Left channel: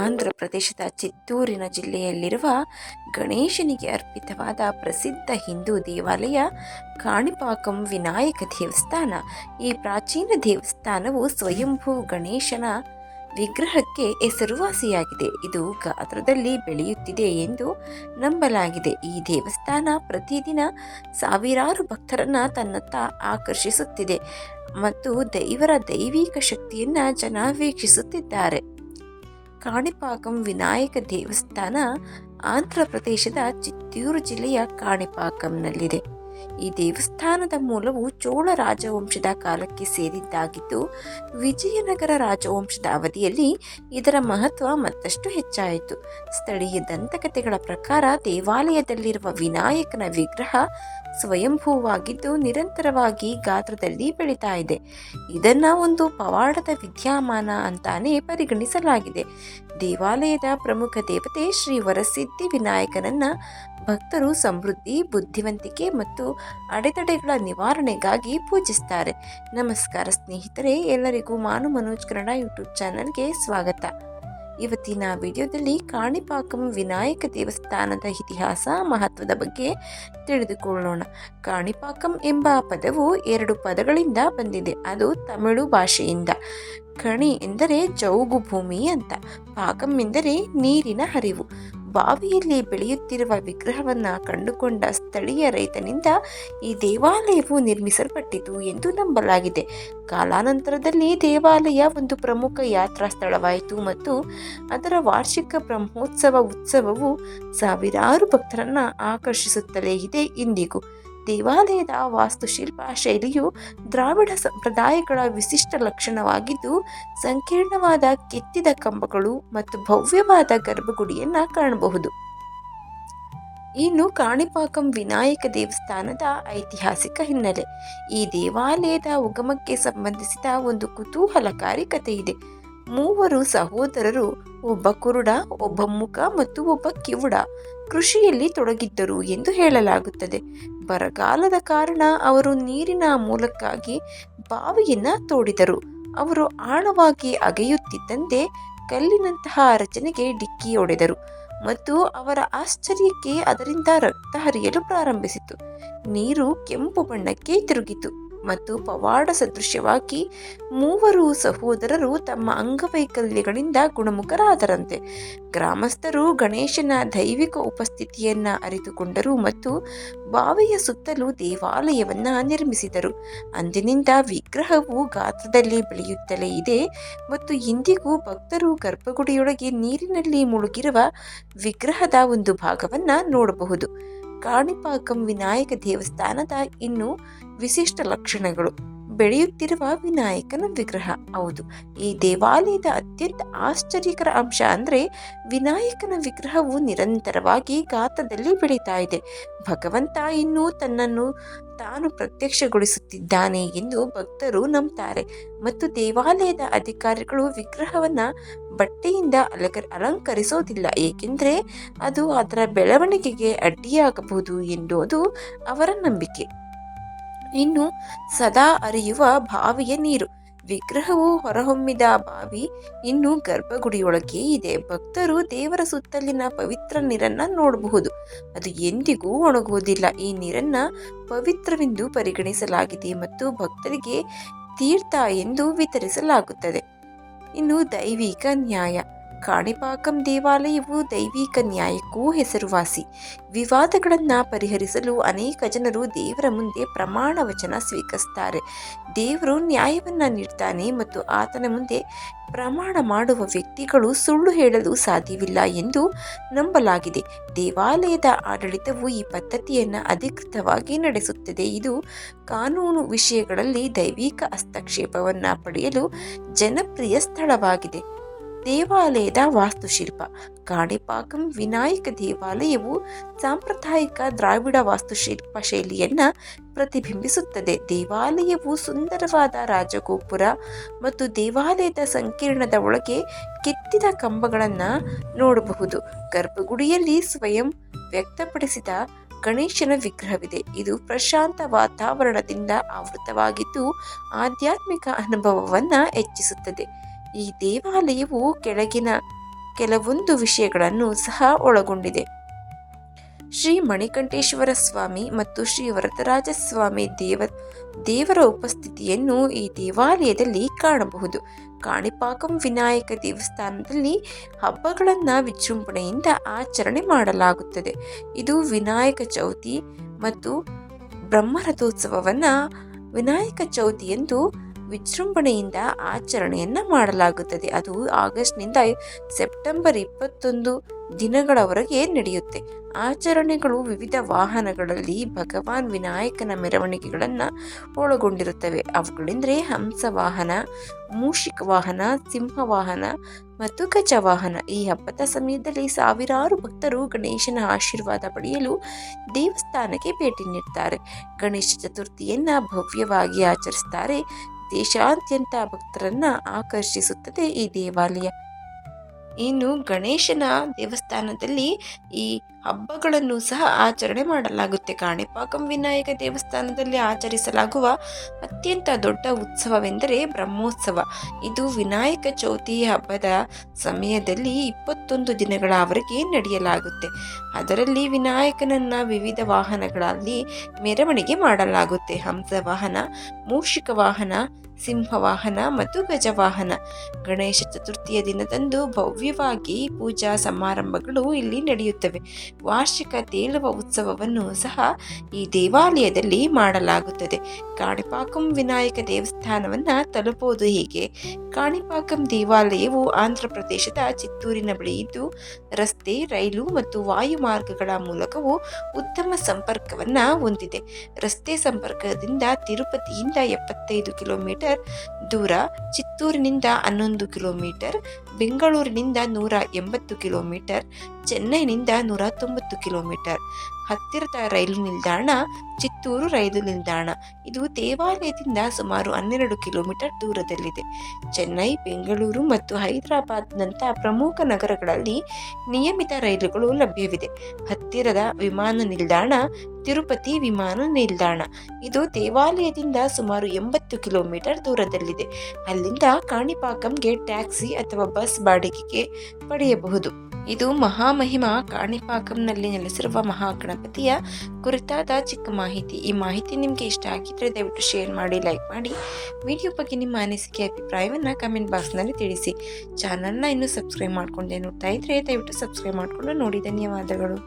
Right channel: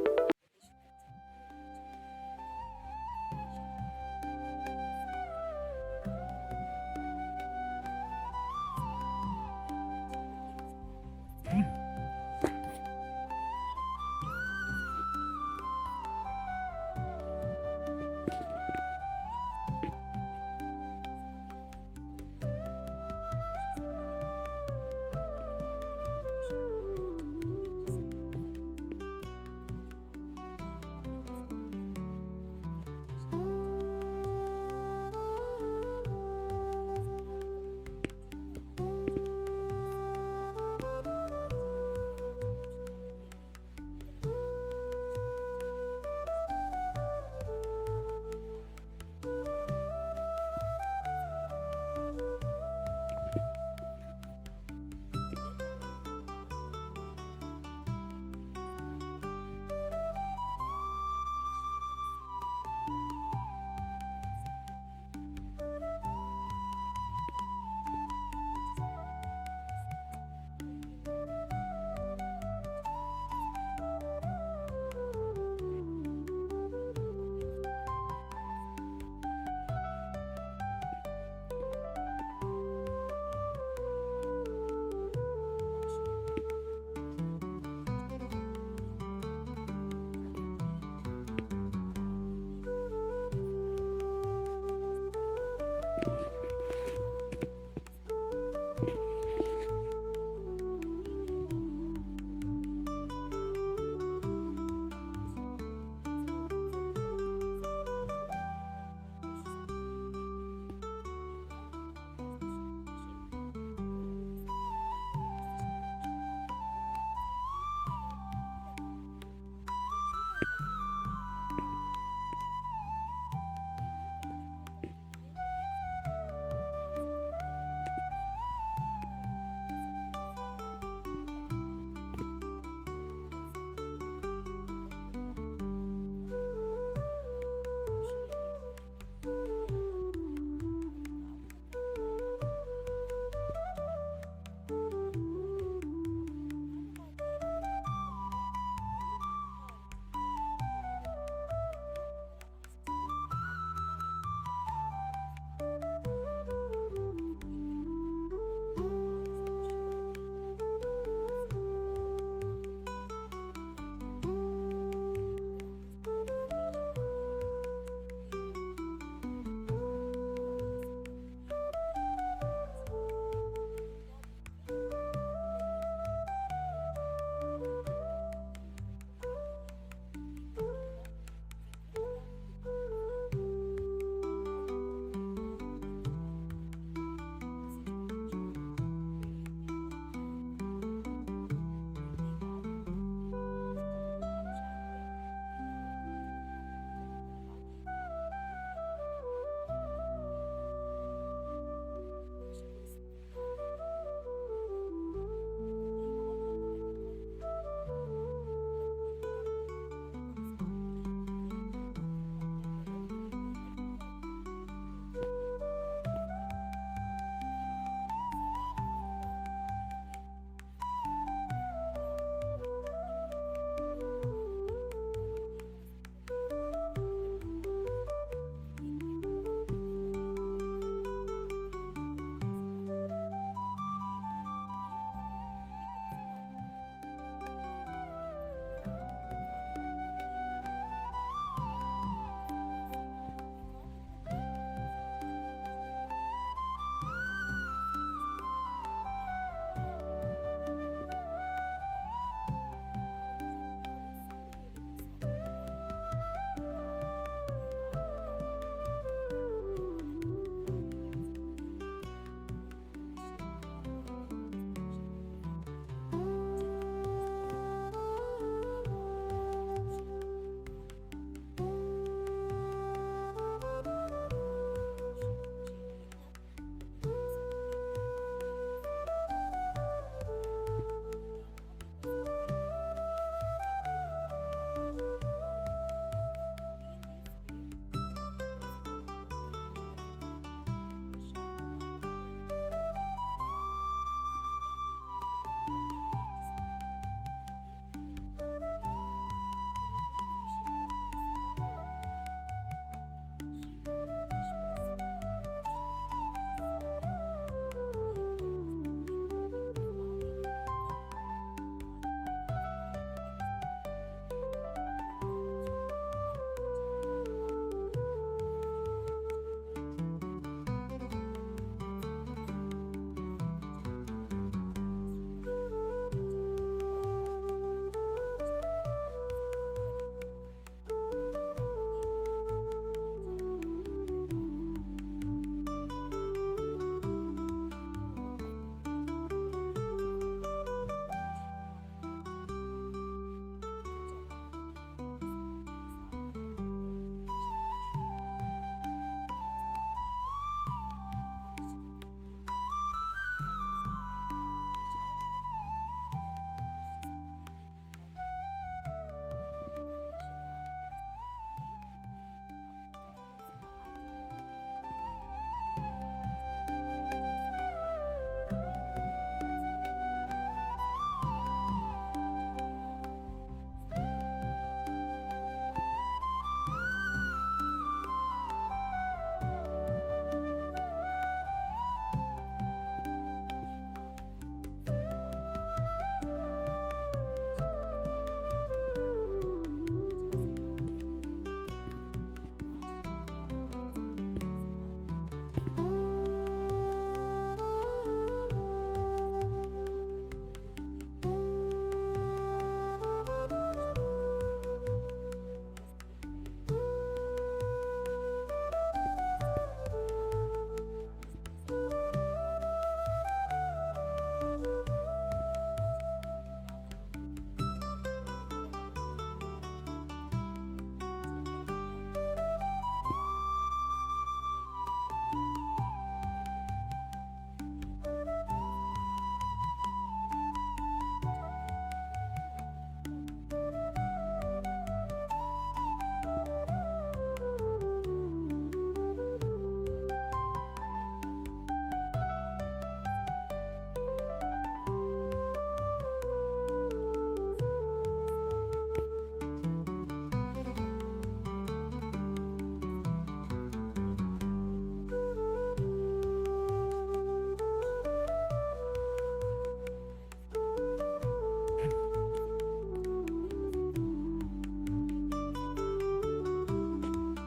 ಆಂಧ್ರ ಪ್ರದೇಶದ ಚಿತ್ತೂರಿನ ಜಿಲ್ಲೆಯಲ್ಲಿರುವ ಗಣೇಶನಿಗೆ ಅರ್ಪಿತವಾದ ಪ್ರಸಿದ್ಧ ಹಿಂದೂ ದೇವಾಲಯ ಕಾಣಿಪಾಕಂ ವಿನಾಯಕ ದೇವಸ್ಥಾನ. ಈ ಪ್ರಾಚೀನ ದೇವಸ್ಥಾನವು ಸ್ವಯಂಭೂ ಗಣೇಶನ ವಿಗ್ರಹಕ್ಕೆ ಹೆಸರುವಾಸಿಯಾಗಿದೆ. ಇದು ಗಾತ್ರದಲ್ಲಿ ಬೆಳೆಯುತ್ತಿದೆ ಎಂದು ನಂಬಲಾಗಿದೆ. ಈ ದೇವಸ್ಥಾನ ಪ್ರತಿದಿನ ಸಾವಿರಾರು ಭಕ್ತರನ್ನ ತನ್ನತ್ತ ಆಕರ್ಷಿಸುತ್ತಿದೆ ಮತ್ತು ದೈವರ ದೈವಿಕ ಶಕ್ತಿಯನ್ನ ಜನ ವೀಕ್ಷಿಸುತ್ತಿದ್ದಾರೆ. ಕಾಣಿಪಾಕಂ ವಿನಾಯಕ ದೇವಸ್ಥಾನ ಆಂಧ್ರ ಪ್ರದೇಶದ ಚಿತ್ತೂರು ಜಿಲ್ಲೆಯ ಕಾಣಿಪಾಕಂನಲ್ಲಿದೆ. ಈ ದೇವಸ್ಥಾನದ ಮೂಲವು ಚೋಳ ರಾಜವಂಶದ ಕಾಲಕ್ಕೆ ಸೇರಿದ್ದಾಗಿದ್ದು, ವಿಜಯನಗರ ರಾಜವಂಶದ ಅವಧಿಯಲ್ಲಿ ಇದರ ಮಹತ್ವ ಮತ್ತಷ್ಟು ಹೆಚ್ಚಾಯಿತು. ಸ್ಥಳೀಯ ದಂತಕಥೆಗಳ ಪ್ರಕಾರ ದೇವಾಲಯದಲ್ಲಿರುವ ವಿನಾಯಕನ ವಿಗ್ರಹ ಸ್ವಯಂಭೂವಾಗಿದ್ದು, ನಿರಂತರವಾಗಿ ಗಾತ್ರದಲ್ಲಿ ಬೆಳೀತಾ ಇದೆ. ಇದನ್ನ ಒಂದು ಪವಾಡದ ವಿದ್ಯಮಾನ ಅಂತಾನೆ ಪರಿಗಣಿಸಲಾಗಿದೆ. ದೇವಾಲಯದ ಪ್ರಮುಖ ದೇವತೆ ಶ್ರೀ ವರಸಿದ್ಧಿ ವಿನಾಯಕನನ್ನ ಭಕ್ತರು ಸಮೃದ್ಧಿ, ಬುದ್ಧಿವಂತಿಕೆ ಮತ್ತು ಅಡೆತಡೆಗಳ ನಿವಾರಣೆಗಾಗಿ ಪೂಜಿಸ್ತಾರೆ. ನಮಸ್ಕಾರ ಸ್ನೇಹಿತರೆ, ಎಲ್ಲರಿಗೂ ಮಾನು ಮನೋಜ್ ಕನ್ನಡ ಯೂಟ್ಯೂಬ್ ಚಾನಲ್ಗೆ ಸ್ವಾಗತ. ಇವತ್ತಿನ ವಿಡಿಯೋದಲ್ಲಿ ಕಾಣಿಪಾಕಂ ವಿನಾಯಕ ದೇವಸ್ಥಾನದ ಇತಿಹಾಸ ಮಹತ್ವದ ಬಗ್ಗೆ ತಿಳಿದುಕೊಳ್ಳೋಣ. ಕಾಣಿಪಾಕಂ ಎಂಬ ಪದವು ಎರಡು ಪದಗಳಿಂದ ಬಂದಿದೆ. ಅದು ತಮಿಳು ಭಾಷೆಯಿಂದ. ಕಣಿ ಎಂದರೆ ಜೌಗು ಭೂಮಿ ಅಂತ. ಪಾಕಂ ಎಂದರೆ ನೀರಿನ ಹರಿವು. ಬಾವಿಯಲ್ಲಿ ಬೆಳೆಯುತ್ತಿರುವ ವಿಗ್ರಹವನ್ನ ಕಂಡುಕೊಂಡ ಸ್ಥಳೀಯ ರೈತನಿಂದ ಈ ದೇವಾಲಯವು ನಿರ್ಮಿಸಲ್ಪಟ್ಟಿತು ಎಂದು ನಂಬಲಾಗಿದೆ. ಕಾಲಾನಂತರದಲ್ಲಿ ದೇವಾಲಯ ಒಂದು ಪ್ರಮುಖ ಯಾತ್ರಾ ಸ್ಥಳವಾಯಿತು ಮತ್ತು ಅದರ ವಾರ್ಷಿಕ ಬ್ರಹ್ಮೋತ್ಸವ ಉತ್ಸವವು ಸಾವಿರಾರು ಭಕ್ತರನ್ನು ಆಕರ್ಷಿಸುತ್ತಲೇ ಇದೆ ಇಂದಿಗೂ. ದೇವಾಲಯದ ವಾಸ್ತುಶಿಲ್ಪ ಶೈಲಿಯು ದ್ರಾವಿಡ ಸಂಪ್ರದಾಯಗಳ ವಿಶಿಷ್ಟ ಲಕ್ಷಣವಾಗಿದ್ದು, ಸಂಕೀರ್ಣವಾದ ಕೆತ್ತಿದ ಕಂಬಗಳು ಮತ್ತು ಭವ್ಯವಾದ ಗರ್ಭಗುಡಿಯನ್ನ ಕಾಣಬಹುದು. ಇನ್ನು ಕಾಣಿಪಾಕಂ ವಿನಾಯಕ ದೇವಸ್ಥಾನದ ಐತಿಹಾಸಿಕ ಹಿನ್ನೆಲೆ. ಈ ದೇವಾಲಯದ ಉಗಮಕ್ಕೆ ಸಂಬಂಧಿಸಿದ ಒಂದು ಕುತೂಹಲಕಾರಿ ಕಥೆ ಇದೆ ಮೂವರು ಸಹೋದರರು, ಒಬ್ಬ ಕುರುಡ, ಒಬ್ಬ ಮುಖ ಮತ್ತು ಒಬ್ಬ ಕಿವುಡ ಕೃಷಿಯಲ್ಲಿ ತೊಡಗಿದ್ದರು ಎಂದು ಹೇಳಲಾಗುತ್ತದೆ. ಬರಗಾಲದ ಕಾರಣ ಅವರು ನೀರಿನ ಮೂಲಕ್ಕಾಗಿ ಬಾವಿಯನ್ನ ತೋಡಿದರು. ಅವರು ಆಳವಾಗಿ ಅಗೆಯುತ್ತಿದ್ದಂತೆ ಕಲ್ಲಿನಂತಹ ರಚನೆಗೆ ಡಿಕ್ಕಿ ಹೊಡೆದರು ಮತ್ತು ಅವರ ಆಶ್ಚರ್ಯಕ್ಕೆ ಅದರಿಂದ ರಕ್ತ ಹರಿಯಲು ಪ್ರಾರಂಭಿಸಿತು. ನೀರು ಕೆಂಪು ಬಣ್ಣಕ್ಕೆ ತಿರುಗಿತು. ಮತ್ತು ಪವಾಡ ಸದೃಶ್ಯವಾಗಿ ಮೂವರು ಸಹೋದರರು ತಮ್ಮ ಅಂಗವೈಕಲ್ಯಗಳಿಂದ ಗುಣಮುಖರಾದರಂತೆ. ಗ್ರಾಮಸ್ಥರು ಗಣೇಶನ ದೈವಿಕ ಉಪಸ್ಥಿತಿಯನ್ನ ಅರಿತುಕೊಂಡರು ಮತ್ತು ಬಾವಿಯ ಸುತ್ತಲೂ ದೇವಾಲಯವನ್ನ ನಿರ್ಮಿಸಿದರು. ಅಂದಿನಿಂದ ವಿಗ್ರಹವು ಗಾತ್ರದಲ್ಲಿ ಬೆಳೆಯುತ್ತಲೇ ಇದೆ ಮತ್ತು ಇಂದಿಗೂ ಭಕ್ತರು ಗರ್ಭಗುಡಿಯೊಳಗೆ ನೀರಿನಲ್ಲಿ ಮುಳುಗಿರುವ ವಿಗ್ರಹದ ಒಂದು ಭಾಗವನ್ನ ನೋಡಬಹುದು. ಕಾಣಿಪಾಕಂ ವಿನಾಯಕ ದೇವಸ್ಥಾನದ ಇನ್ನು ವಿಶಿಷ್ಟ ಲಕ್ಷಣಗಳು. ಬೆಳೆಯುತ್ತಿರುವ ವಿನಾಯಕನ ವಿಗ್ರಹ. ಹೌದು, ಈ ದೇವಾಲಯದ ಅತ್ಯಂತ ಆಶ್ಚರ್ಯಕರ ಅಂಶ ಅಂದರೆ ವಿನಾಯಕನ ವಿಗ್ರಹವು ನಿರಂತರವಾಗಿ ಗಾತದಲ್ಲಿ ಬೆಳೀತಾ ಇದೆ. ಭಗವಂತ ಇನ್ನೂ ತನ್ನನ್ನು ತಾನು ಪ್ರತ್ಯಕ್ಷಗೊಳಿಸುತ್ತಿದ್ದಾನೆ ಎಂದು ಭಕ್ತರು ನಂಬ್ತಾರೆ. ಮತ್ತು ದೇವಾಲಯದ ಅಧಿಕಾರಿಗಳು ವಿಗ್ರಹವನ್ನು ಬಟ್ಟೆಯಿಂದ ಅಲಕ, ಅಲಂಕರಿಸೋದಿಲ್ಲ. ಏಕೆಂದರೆ ಅದು ಅದರ ಬೆಳವಣಿಗೆಗೆ ಅಡ್ಡಿಯಾಗಬಹುದು ಎನ್ನುವುದು ಅವರ ನಂಬಿಕೆ. ಇನ್ನು ಸದಾ ಅರಿಯುವ ಬಾವಿಯ ನೀರು. ವಿಗ್ರಹವು ಹೊರಹೊಮ್ಮಿದ ಬಾವಿ ಇನ್ನು ಗರ್ಭಗುಡಿಯೊಳಗೆ ಇದೆ. ಭಕ್ತರು ದೇವರ ಸುತ್ತಲಿನ ಪವಿತ್ರ ನೀರನ್ನ ನೋಡಬಹುದು. ಅದು ಎಂದಿಗೂ ಒಣಗುವುದಿಲ್ಲ. ಈ ನೀರನ್ನ ಪವಿತ್ರವೆಂದು ಪರಿಗಣಿಸಲಾಗಿದೆ ಮತ್ತು ಭಕ್ತರಿಗೆ ತೀರ್ಥ ಎಂದು ವಿತರಿಸಲಾಗುತ್ತದೆ. ಇನ್ನು ದೈವಿಕ ನ್ಯಾಯ. ಕಾಣಿಪಾಕಂ ದೇವಾಲಯವು ದೈವಿಕ ನ್ಯಾಯಕ್ಕೂ ಹೆಸರುವಾಸಿ. ವಿವಾದಗಳನ್ನು ಪರಿಹರಿಸಲು ಅನೇಕ ಜನರು ದೇವರ ಮುಂದೆ ಪ್ರಮಾಣ ವಚನ ಸ್ವೀಕರಿಸ್ತಾರೆ. ದೇವರು ನ್ಯಾಯವನ್ನು ನೀಡ್ತಾನೆ ಮತ್ತು ಆತನ ಮುಂದೆ ಪ್ರಮಾಣ ಮಾಡುವ ವ್ಯಕ್ತಿಗಳು ಸುಳ್ಳು ಹೇಳಲು ಸಾಧ್ಯವಿಲ್ಲ ಎಂದು ನಂಬಲಾಗಿದೆ. ದೇವಾಲಯದ ಆಡಳಿತವು ಈ ಪದ್ಧತಿಯನ್ನು ಅಧಿಕೃತವಾಗಿ ನಡೆಸುತ್ತದೆ. ಇದು ಕಾನೂನು ವಿಷಯಗಳಲ್ಲಿ ದೈವಿಕ ಹಸ್ತಕ್ಷೇಪವನ್ನು ಪಡೆಯಲು ಜನಪ್ರಿಯ ಸ್ಥಳವಾಗಿದೆ. ದೇವಾಲಯದ ವಾಸ್ತುಶಿಲ್ಪ. ಕಾಣಿಪಾಕಂ ವಿನಾಯಕ ದೇವಾಲಯವು ಸಾಂಪ್ರದಾಯಿಕ ದ್ರಾವಿಡ ವಾಸ್ತುಶಿಲ್ಪ ಶೈಲಿಯನ್ನ ಪ್ರತಿಬಿಂಬಿಸುತ್ತದೆ. ದೇವಾಲಯವು ಸುಂದರವಾದ ರಾಜಗೋಪುರ ಮತ್ತು ದೇವಾಲಯದ ಸಂಕೀರ್ಣದ ಒಳಗೆ ಕೆತ್ತಿದ ಕಂಬಗಳನ್ನು ನೋಡಬಹುದು. ಗರ್ಭಗುಡಿಯಲ್ಲಿ ಸ್ವಯಂ ವ್ಯಕ್ತಪಡಿಸಿದ ಗಣೇಶನ ವಿಗ್ರಹವಿದೆ. ಇದು ಪ್ರಶಾಂತ ವಾತಾವರಣದಿಂದ ಆವೃತವಾಗಿದ್ದು, ಆಧ್ಯಾತ್ಮಿಕ ಅನುಭವವನ್ನು ಹೆಚ್ಚಿಸುತ್ತದೆ. ಈ ದೇವಾಲಯವು ಕೆಳಗಿನ ಕೆಲವೊಂದು ವಿಷಯಗಳನ್ನು ಸಹ ಒಳಗೊಂಡಿದೆ. ಶ್ರೀ ಮಣಿಕಂಠೇಶ್ವರ ಸ್ವಾಮಿ ಮತ್ತು ಶ್ರೀ ವರದರಾಜ ಸ್ವಾಮಿ ದೇವ, ದೇವರ ಉಪಸ್ಥಿತಿಯನ್ನು ಈ ದೇವಾಲಯದಲ್ಲಿ ಕಾಣಬಹುದು. ಕಾಣಿಪಾಕಂ ವಿನಾಯಕ ದೇವಸ್ಥಾನದಲ್ಲಿ ಹಬ್ಬಗಳನ್ನು ವಿಜೃಂಭಣೆಯಿಂದ ಆಚರಣೆ ಮಾಡಲಾಗುತ್ತದೆ. ಇದು ವಿನಾಯಕ ಚೌತಿ ಮತ್ತು ಬ್ರಹ್ಮರಥೋತ್ಸವವನ್ನು ವಿನಾಯಕ ಚೌತಿಯಂದು ವಿಜೃಂಭಣೆಯಿಂದ ಆಚರಣೆಯನ್ನು ಮಾಡಲಾಗುತ್ತದೆ. ಅದು ಆಗಸ್ಟ್ನಿಂದ ಸೆಪ್ಟೆಂಬರ್ ಇಪ್ಪತ್ತೊಂದು ದಿನಗಳವರೆಗೆ ನಡೆಯುತ್ತೆ. ಆಚರಣೆಗಳು ವಿವಿಧ ವಾಹನಗಳಲ್ಲಿ ಭಗವಾನ್ ವಿನಾಯಕನ ಮೆರವಣಿಗೆಗಳನ್ನು ಒಳಗೊಂಡಿರುತ್ತವೆ. ಅವುಗಳೆಂದರೆ ಹಂಸ ವಾಹನ, ಮೂಷಿಕ ವಾಹನ, ಸಿಂಹ ವಾಹನ ಮತ್ತು ಗಜವಾಹನ ಈ ಹಬ್ಬದ ಸಮಯದಲ್ಲಿ ಸಾವಿರಾರು ಭಕ್ತರು ಗಣೇಶನ ಆಶೀರ್ವಾದ ಪಡೆಯಲು ದೇವಸ್ಥಾನಕ್ಕೆ ಭೇಟಿ ನೀಡುತ್ತಾರೆ ಗಣೇಶ ಚತುರ್ಥಿಯನ್ನು ಭವ್ಯವಾಗಿ ಆಚರಿಸ್ತಾರೆ. ದೇಶಾದ್ಯಂತ ಭಕ್ತರನ್ನ ಆಕರ್ಷಿಸುತ್ತದೆ ಈ ದೇವಾಲಯ. ಇನ್ನು ಗಣೇಶನ ದೇವಸ್ಥಾನದಲ್ಲಿ ಈ ಹಬ್ಬಗಳನ್ನು ಸಹ ಆಚರಣೆ ಮಾಡಲಾಗುತ್ತೆ. ಕಾಣಿಪಾಕಂ ವಿನಾಯಕ ದೇವಸ್ಥಾನದಲ್ಲಿ ಆಚರಿಸಲಾಗುವ ಅತ್ಯಂತ ದೊಡ್ಡ ಉತ್ಸವವೆಂದರೆ ಬ್ರಹ್ಮೋತ್ಸವ. ಇದು ವಿನಾಯಕ ಚೌತಿ ಹಬ್ಬದ ಸಮಯದಲ್ಲಿ ಇಪ್ಪತ್ತೊಂದು ದಿನಗಳವರೆಗೆ ನಡೆಯಲಾಗುತ್ತೆ. ಅದರಲ್ಲಿ ವಿನಾಯಕನನ್ನ ವಿವಿಧ ವಾಹನಗಳಲ್ಲಿ ಮೆರವಣಿಗೆ ಮಾಡಲಾಗುತ್ತೆ. ಹಂಸ ವಾಹನ ಮೂಷಿಕ ವಾಹನ ಸಿಂಹವಾಹನ ಮತ್ತು ಗಜವಾಹನ. ಗಣೇಶ ಚತುರ್ಥಿಯ ದಿನದಂದು ಭವ್ಯವಾಗಿ ಪೂಜಾ ಸಮಾರಂಭಗಳು ಇಲ್ಲಿ ನಡೆಯುತ್ತವೆ. ವಾರ್ಷಿಕ ತೇಲುವ ಉತ್ಸವವನ್ನು ಸಹ ಈ ದೇವಾಲಯದಲ್ಲಿ ಮಾಡಲಾಗುತ್ತದೆ. ಕಾಣಿಪಾಕಂ ವಿನಾಯಕ ದೇವಸ್ಥಾನವನ್ನು ತಲುಪುವುದು ಹೀಗೆ? ಕಾಣಿಪಾಕಂ ದೇವಾಲಯವು ಆಂಧ್ರ ಪ್ರದೇಶದ ಚಿತ್ತೂರಿನ ಬಳಿ ಇದ್ದು, ರಸ್ತೆ, ರೈಲು ಮತ್ತು ವಾಯು ಮಾರ್ಗಗಳ ಮೂಲಕವೂ ಉತ್ತಮ ಸಂಪರ್ಕವನ್ನು ಹೊಂದಿದೆ. ರಸ್ತೆ ಸಂಪರ್ಕದಿಂದ ತಿರುಪತಿಯಿಂದ ಎಪ್ಪತ್ತೈದು ಕಿಲೋಮೀಟರ್ ದೂರ ಚಿತ್ತೂರಿನಿಂದ ಹನ್ನೊಂದು ಕಿಲೋಮೀಟರ್ ಬೆಂಗಳೂರಿನಿಂದ ನೂರ ಎಂಬತ್ತು ಕಿಲೋಮೀಟರ್ ಚೆನ್ನೈನಿಂದ ನೂರ ತೊಂಬತ್ತು ಕಿಲೋಮೀಟರ್. ಹತ್ತಿರದ ರೈಲು ನಿಲ್ದಾಣ, ಚಿತ್ತೂರು ರೈಲು ನಿಲ್ದಾಣ. ಇದು ದೇವಾಲಯದಿಂದ ಸುಮಾರು ಹನ್ನೆರಡು ಕಿಲೋಮೀಟರ್ ದೂರದಲ್ಲಿದೆ. ಚೆನ್ನೈ, ಬೆಂಗಳೂರು ಮತ್ತು ಹೈದರಾಬಾದ್ನಂಥ ಪ್ರಮುಖ ನಗರಗಳಲ್ಲಿ ನಿಯಮಿತ ರೈಲುಗಳು ಲಭ್ಯವಿದೆ. ಹತ್ತಿರದ ವಿಮಾನ ನಿಲ್ದಾಣ, ತಿರುಪತಿ ವಿಮಾನ ನಿಲ್ದಾಣ. ಇದು ದೇವಾಲಯದಿಂದ ಸುಮಾರು ಎಂಬತ್ತು ಕಿಲೋಮೀಟರ್ ದೂರದಲ್ಲಿದೆ. ಅಲ್ಲಿಂದ ಕಾಣಿಪಾಕಂಗೆ ಟ್ಯಾಕ್ಸಿ ಅಥವಾ ಬಸ್ ಬಾಡಿಗೆಗೆ ಪಡೆಯಬಹುದು. ಇದು ಮಹಾಮಹಿಮ ಕಾಣಿಪಾಕಂನಲ್ಲಿ ನೆಲೆಸಿರುವ ಮಹಾಗಣಪತಿಯ ಕುರಿತಾದ ಚಿಕ್ಕ ಮಾಹಿತಿ. ಈ ಮಾಹಿತಿ ನಿಮಗೆ ಇಷ್ಟ ಆಗಿದ್ರೆ ದಯವಿಟ್ಟು ಶೇರ್ ಮಾಡಿ, ಲೈಕ್ ಮಾಡಿ. ವಿಡಿಯೋ ಬಗ್ಗೆ ನಿಮ್ಮ ಅನಿಸಿಕೆ, ಅಭಿಪ್ರಾಯವನ್ನು ಕಮೆಂಟ್ ಬಾಕ್ಸ್ನಲ್ಲಿ ತಿಳಿಸಿ. ಚಾನಲ್ನ ಇನ್ನೂ ಸಬ್ಸ್ಕ್ರೈಬ್ ಮಾಡ್ಕೊಂಡೆ ನೋಡ್ತಾ ಇದ್ರೆ ದಯವಿಟ್ಟು ಸಬ್ಸ್ಕ್ರೈಬ್ ಮಾಡಿಕೊಂಡು ನೋಡಿ. ಧನ್ಯವಾದಗಳು.